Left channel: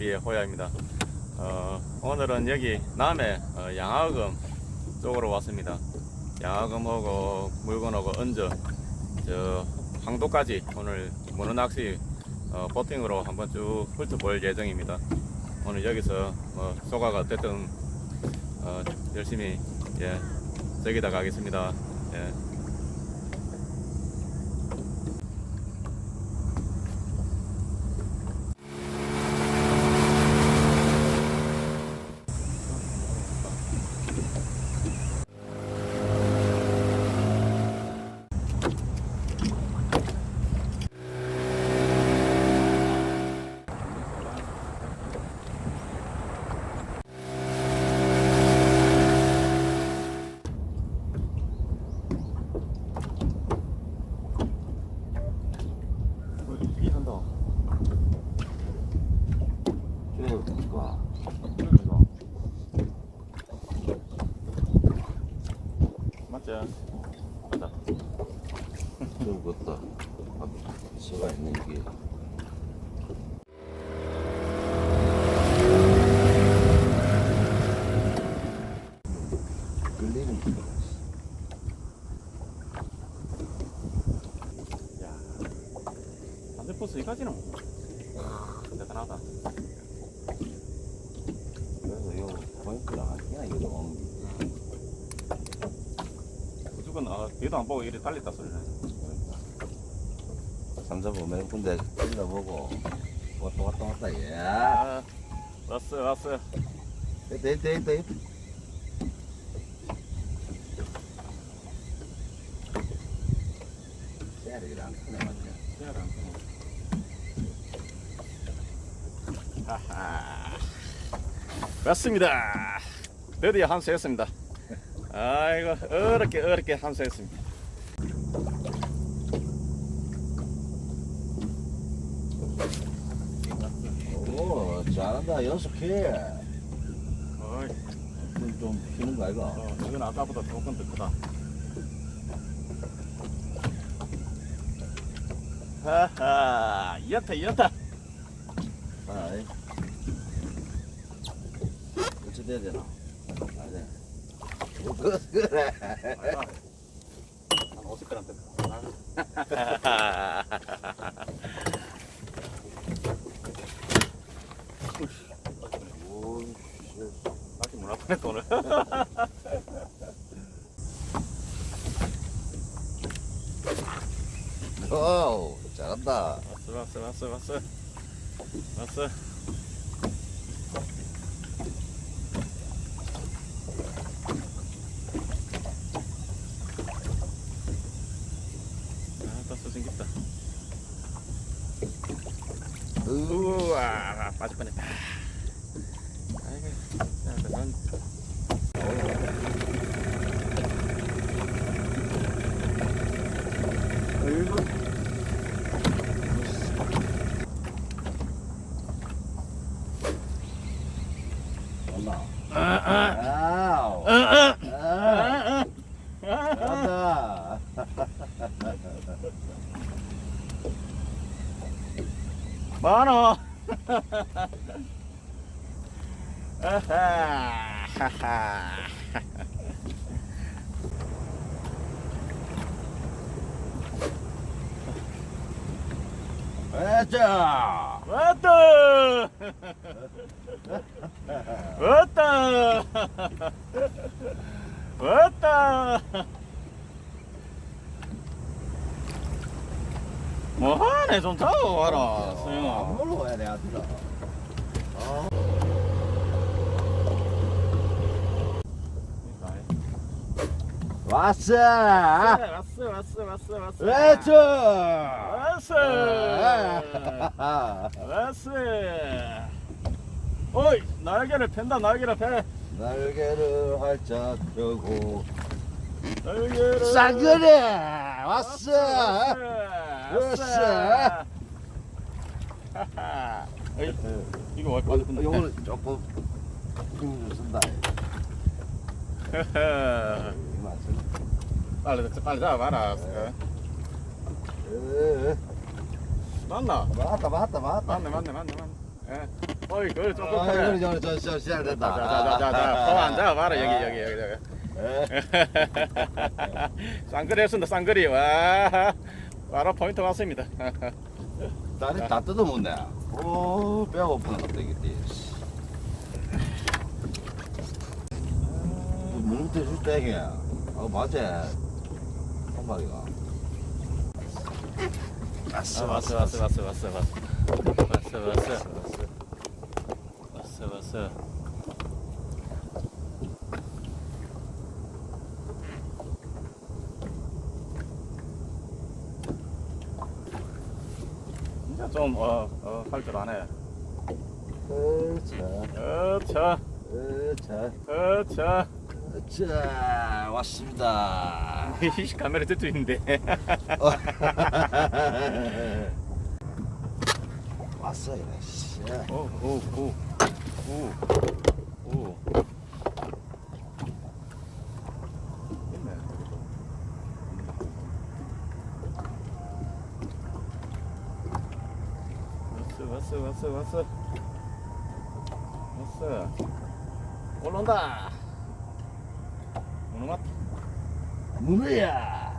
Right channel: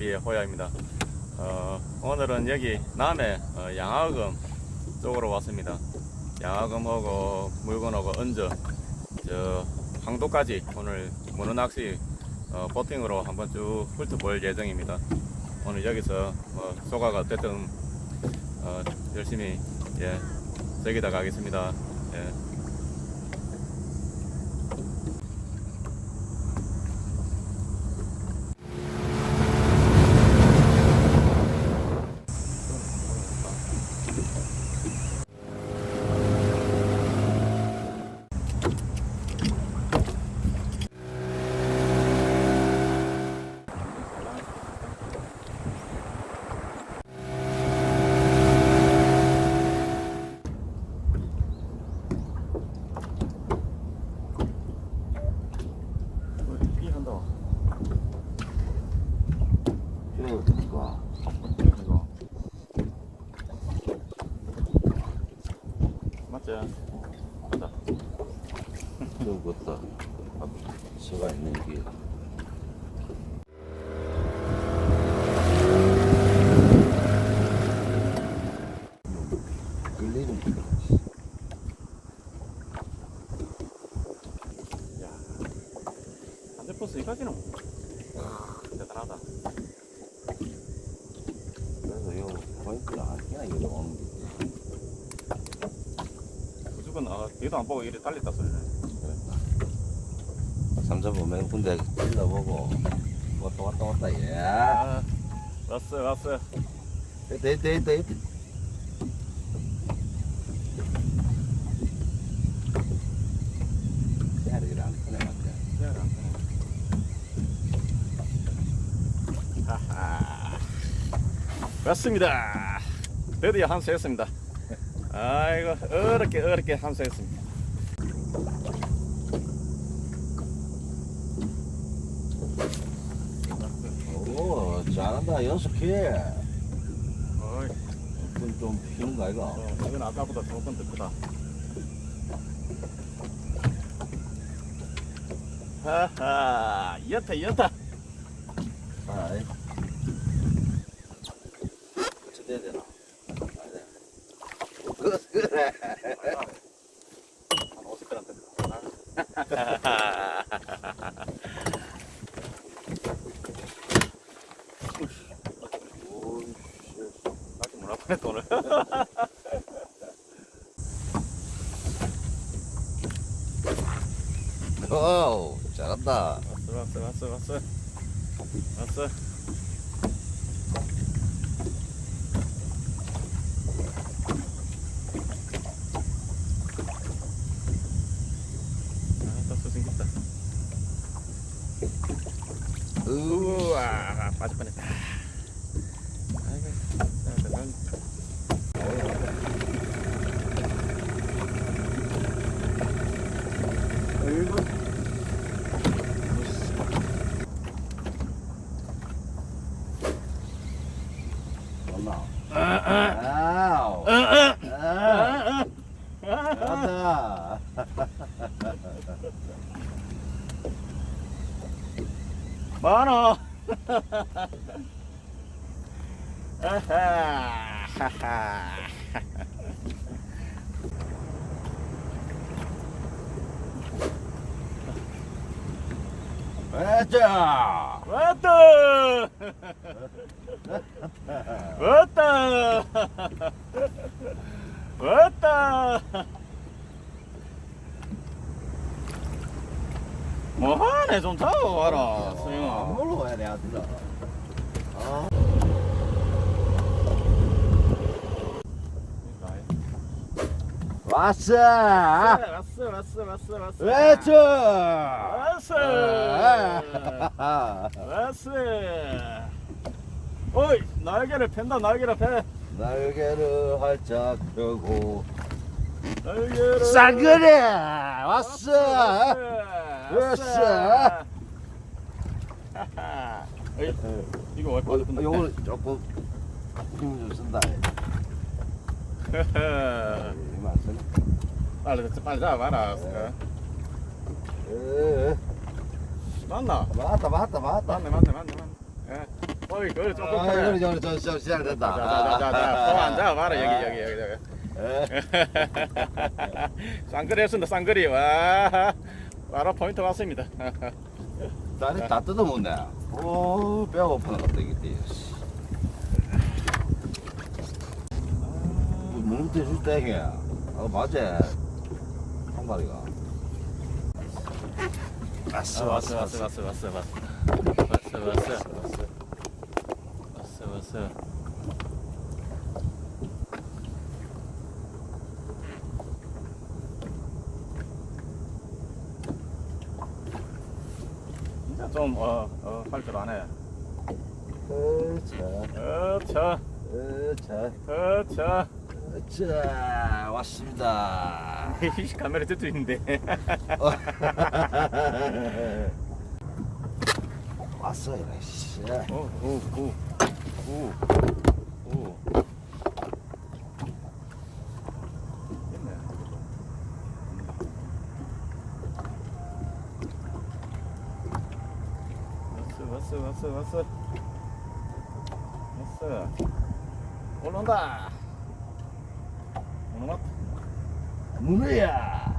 TV의 호야입니다. 어, 오늘은 여기 남해 어, 양화금 쪽으로 왔습니다. 양화금하고 물건하고 언저 저 황도까지 오늘 문어 낚시 어, 보팅으로 한번 쭉 훑어볼 예정입니다. 오늘 여기서 뭐 소가가 어쨌든 어, 열심히 예, 즐기다 가겠습니다. 예. 비 한다. 저 이거 이거. 맞지? 맞아. 저 것도 제가 있는 게 대단하다. 그래서 이거 무조건 아, 뒤도 안 보고 이리 달렸다 소리네. 삼천포 몇 군데 찔러보고 왔다 왔다 왔다 예 아, 왔어, 왔어. 됐다 됐다 됐다. 하하. 왔습니다. 드디어 함수했습니다. 아이고, 어렵게, 어렵게 함수했습니다. 오 잘한다 연속해. 어이, 좀, 좀 피는 거 아이가? 어, 이건 아까보다 조금 더 크다. 하하, 이었다, 이었다. 아이. 어째 돼야 되나? 안돼 한 50g 더. 아 직문 앞에 돈을. 와우 잘한다 왔어, 왔어, 왔어, 왔어. 왔어. 아, 생겼다. 우와, 빠질 뻔했다. 아이고, 자, 난 아이고. 엄마 아, 아, 아우 아, 아, 아 아, 아. 잘한다 많아. 아하, 하하. 맞아 왔다. 왔다. 왔다. 뭐하네 좀 타고 와라 수영아. 뭘로 가야 돼 아들아 아 왔어 왔어 왔어 왔어 왔어. 외쳐 왔어. 왔어. 어이 날개를 팬다 날개를 펴. 날개를 활짝 펴고 날개를. 싸그래 왔어 왔어. 왔어. 하하. 어이, 이거 왜 빠졌는데? 요거는 조금 힘을 좀 쓴다. 이거? 빨리 빨리 잡아봐라. 어? 에, 맞나? 맞다 맞다 맞다. 맞네 맞네 맞네 맞네. 예. 어이 그걸 조금 아, 그래. 그래, 저, 저, 저, 시작됐다. 자자자자자. 손안 잡아봐라 여기 여기 여기 여기. 에, 쌍거리 했습니다 쌍거리. 와. 바로 포인트 왔습니다. 다리 다 뜯어먹네. 오, 뼈 고프는 것도 이게. 무릎도 줄 때, 이게. 어, 맞아. 한 마리가. 왔어 왔어 왔어 왔어 왔어 왔어 왔어 왔어 왔어. 왔어 진짜 좀어 어 활기하네 으차, 어차. 으차, 어차 으차, 왔습니다. 이씨 카메라 뒤도 있는데 왔어, 이거. 씨. 오 오 오 오 오 왔어 왔어 왔어 왔어 왔어 올라온다 無理や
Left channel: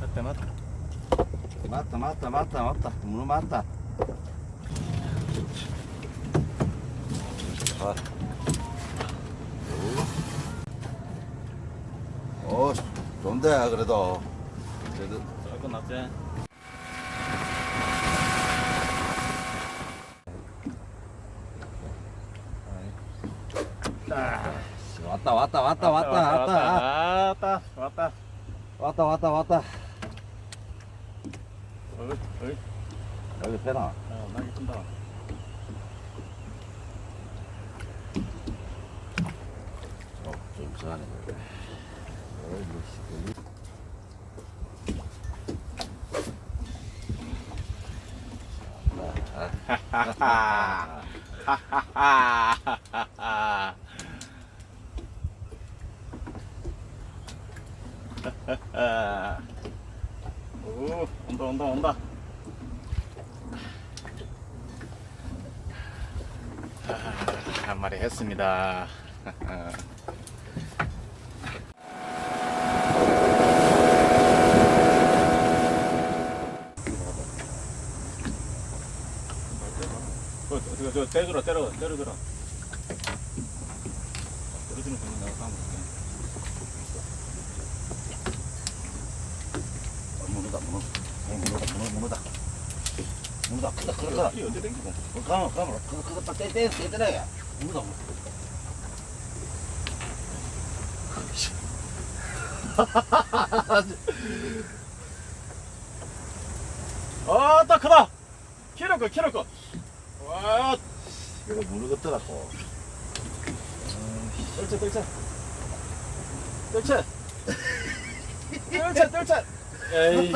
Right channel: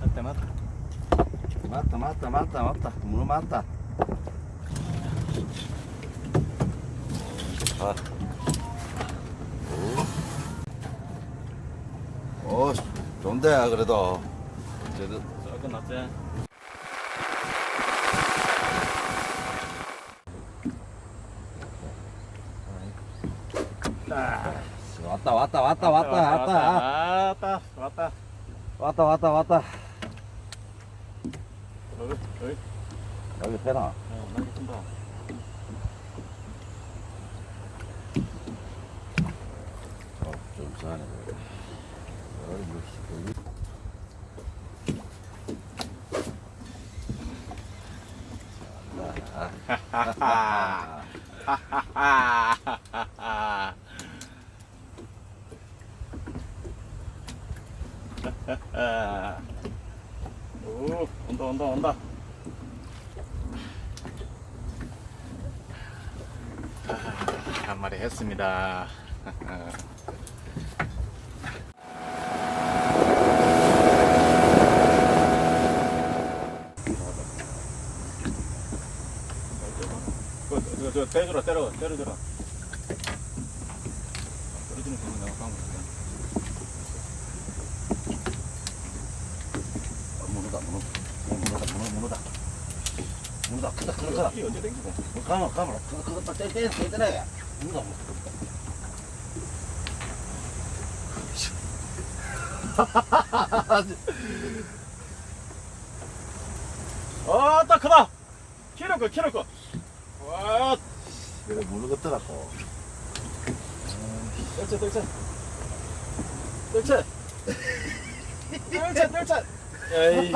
たたたた。たたた。おし飛んと。 왔다, 왔다, 왔다, 왔다, 왔다. 왔다 왔다 왔다, 왔다, 왔다. 어이 어이 여기 배나. 어 많이 푼다 어, 좀 싸네. 어이구, 씨. 하하하 하하하 오 온다 온다 온다 아, 한 마리 했습니다 그, 때려라, 때려, 때려줘라. 먼저 당기고. 가만, 가만. 그거, 그거 딱 떼, 떼, 떼, 떼놔야. 누가 뭐. 아, 딱 크다. 키는 거, 키는 거. 와, 이거 모르겠더라고. 떨쳐, 떨쳐. 떨쳐. 떨쳐, 떨쳐. 에이.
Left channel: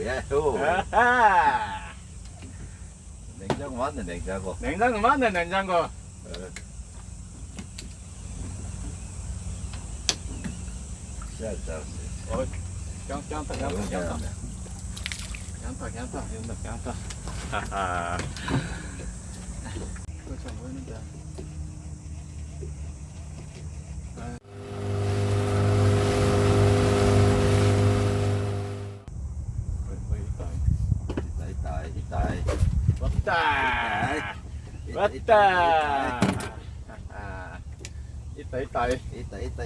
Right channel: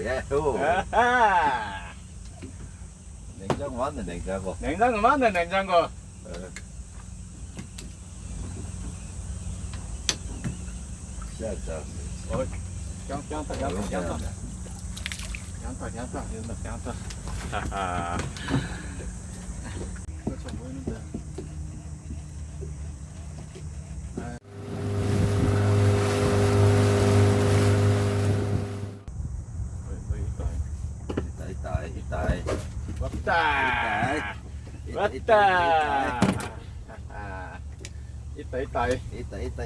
뭐야 아하. 냉장고 맞네 냉장고 냉장고 맞네 냉장고 시작자 어, 짱짱다 짱짱다 짱짱 짱짱 짱짱 짱짱 하하 그거 좀 보이는데 있다. 있다, 있다, 있다. 왔다. 있다, 왔다. 하하. 있다, 있다, 있다, 있다, 있다.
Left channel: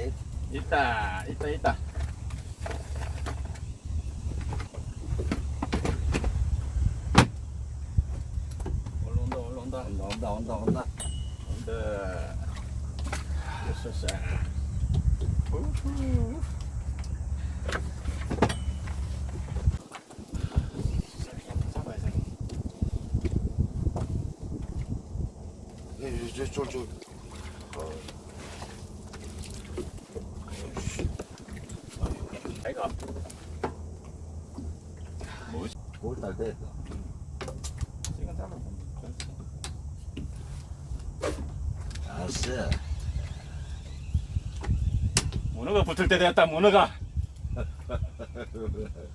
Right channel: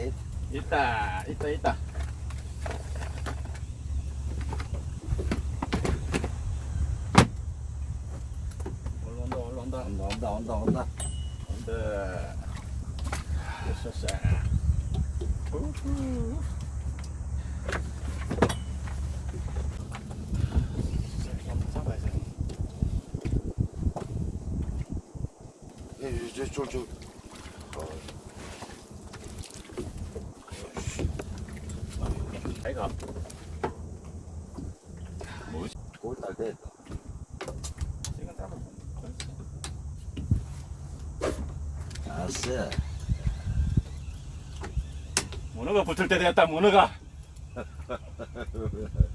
있다, 있다, 있다. 올라온다, 올라온다. 온다, 온다, 온다, 온다. 온다. 됐었어. 우후. 잡아야지. 예, 저, 저, 저. 아이가 뭐지? 골달 됐다. 알았어. 문어가 붙을 때 됐다 문어가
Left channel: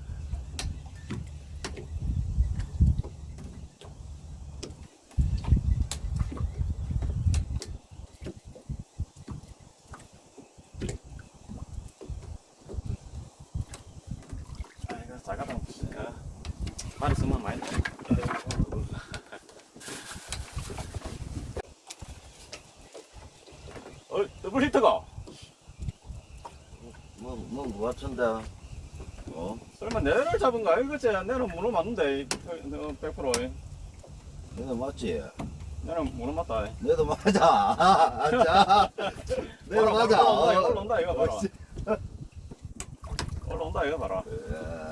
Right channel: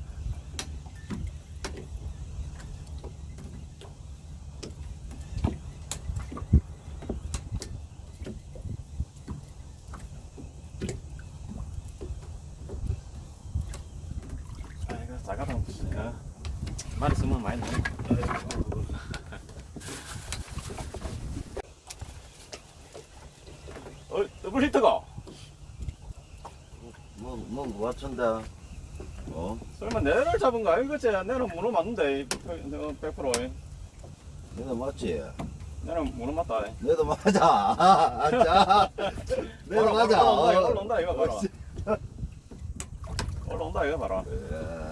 작아다 보니까 많이 쓰면 많이 나네 어 더블 히트가 뭐, 뭐, 뭐 같은데? 어? 설마 내를 잡은 거 알겠지? 내는 문어 맞는데, 어, 100%. 너도 맞지? 내는 문어 맞다. 너도 맞아. 아, 자. 너도 맞아. 올라온다, 어. 이거 봐라. 어, 올라온다, 이거 봐라.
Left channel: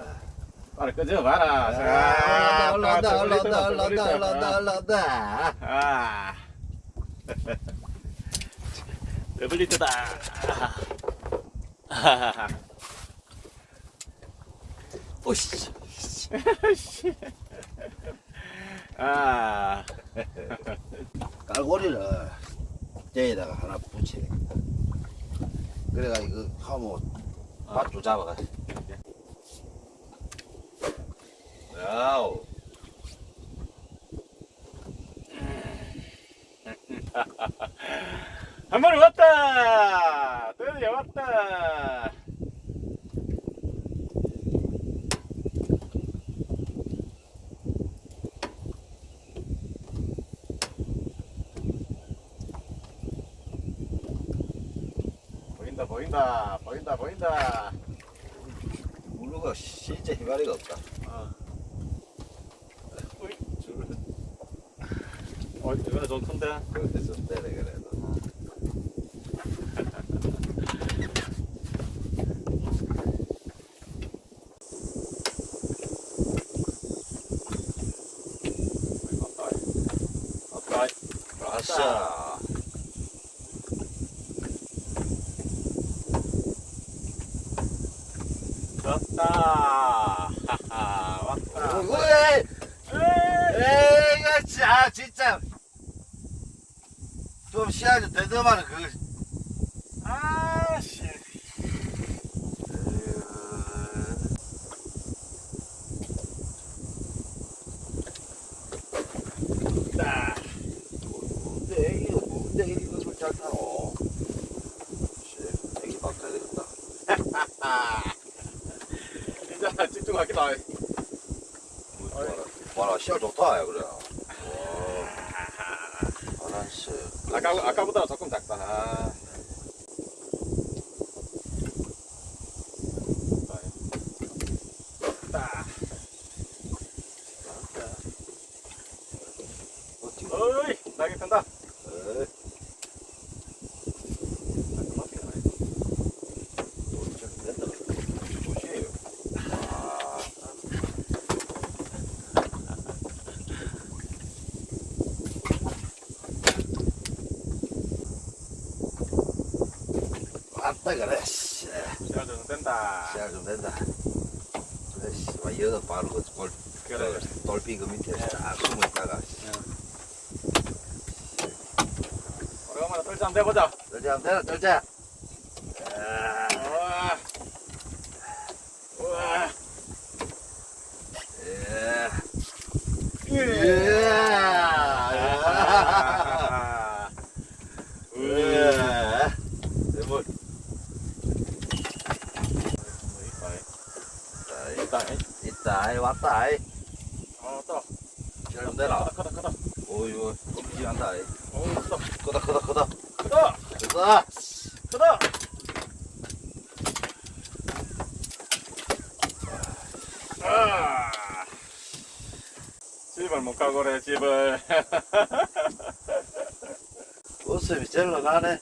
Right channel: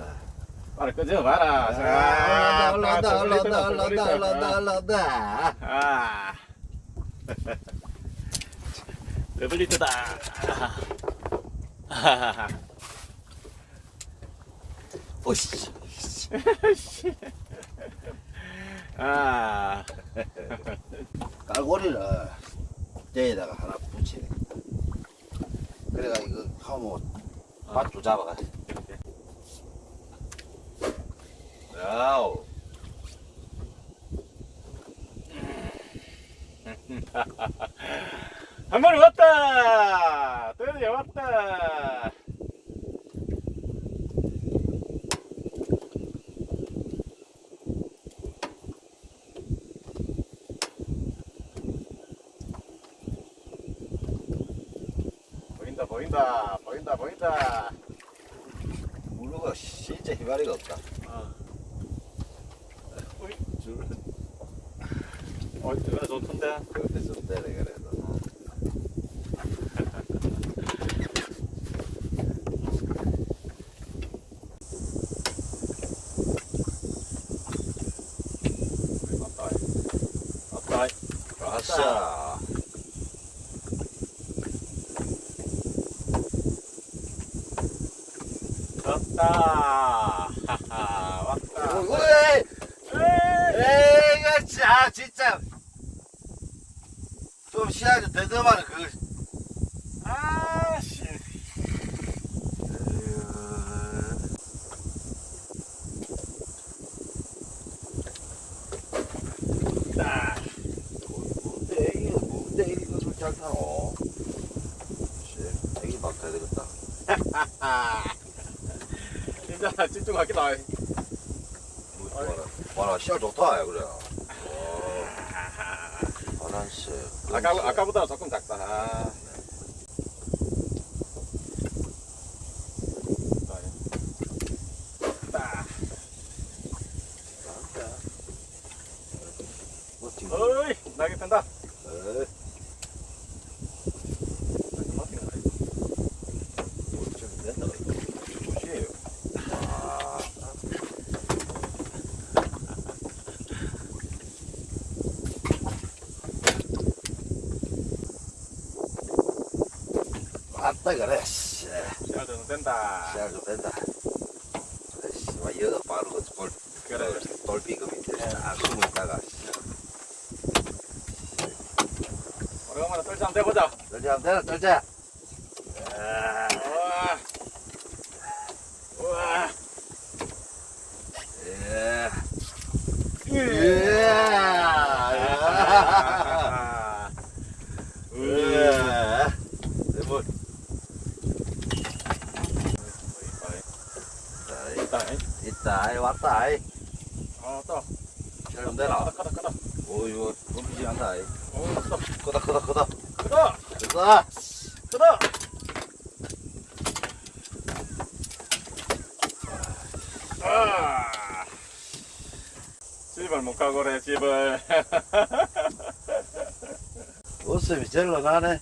어. 빨리 끄져 봐라. 아, 올라온다, 자, 올라온다, 올라온다, 올라온다, 히트가. 올라온다. 아. 더블 히트다. 오씨. 아. 깔고리를 대에다가 하나 붙여. 그래가 이거 하면 밭도 잡아가. 야우. 한 마리 왔다! 드디어 왔다! 보인다, 보인다, 보인다, 보인다. 물루가 진짜 희마리가 없다. 어. 어, 이거 좋던데? 그래서 때려 그래도. 맞다. 아싸. 왔다. 하하, 왔다. 에이! 에이, 이거 진짜, 진짜. 좀 시야를 더듬어라, 그. 아씨. 아? 씨. 진짜 집중하기다. 봐라, 봐라, 시야 좋다, 야, 그래. 와, 바람 씨. 아까 아까보다 조금 작다. 아. 어이, 나게 뺀다. 에이, 좀 됐다, 이거. 조심해요. 아, 맞다, 그래, 씨. 시야 좀 된다. 근데 씨발 바로 그 골, 그래. 돌핀 그 밑에 예. 쫙 숨어 있다가 한번 해보자. 들자 한번 들자 우와. 우와. 예. 예. 예. 대물 있다. 있다 아이 왔다 아이 아, 또. 좀 내라 크다, 크다, 크다. 오이고 꼼지한다 아이 오, 크다. 크다 크다 크다 크다. 크다. 아. 집을 못 가고 그래, 집을. 웃음이 절로 나네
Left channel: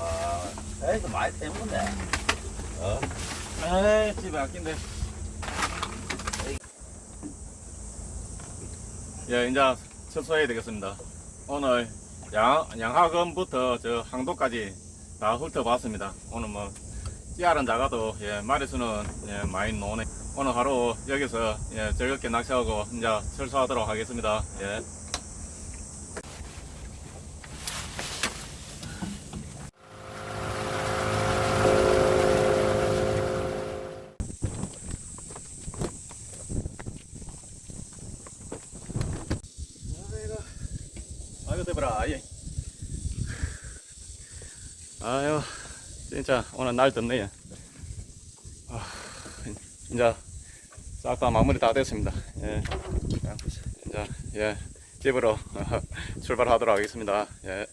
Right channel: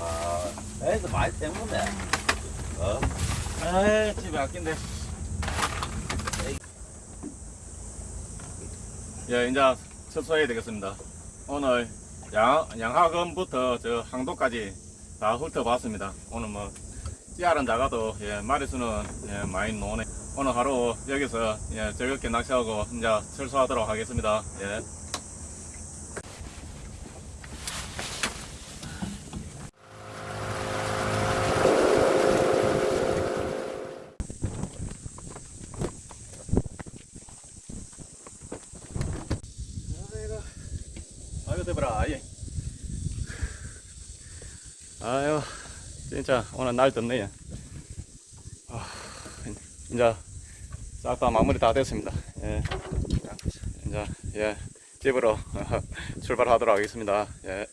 와 애들 많이 때문에 어? 에이, 집에 아낀데. 예, 이제 철수해야 되겠습니다. 오늘 양, 양하건부터 저 항도까지 다 훑어봤습니다. 오늘 뭐 씨알은 작아도 예, 마리수는 예, 많이 노네. 오늘 하루 여기서 예, 즐겁게 낚시하고 이제 철수하도록 하겠습니다. 예. 아이고, 대보라, 아이. 아유, 진짜 오늘 날 덥네요. 아, 이제 싹 다 마무리 다 됐습니다. 예. 이제 예, 집으로 출발하도록 하겠습니다. 예.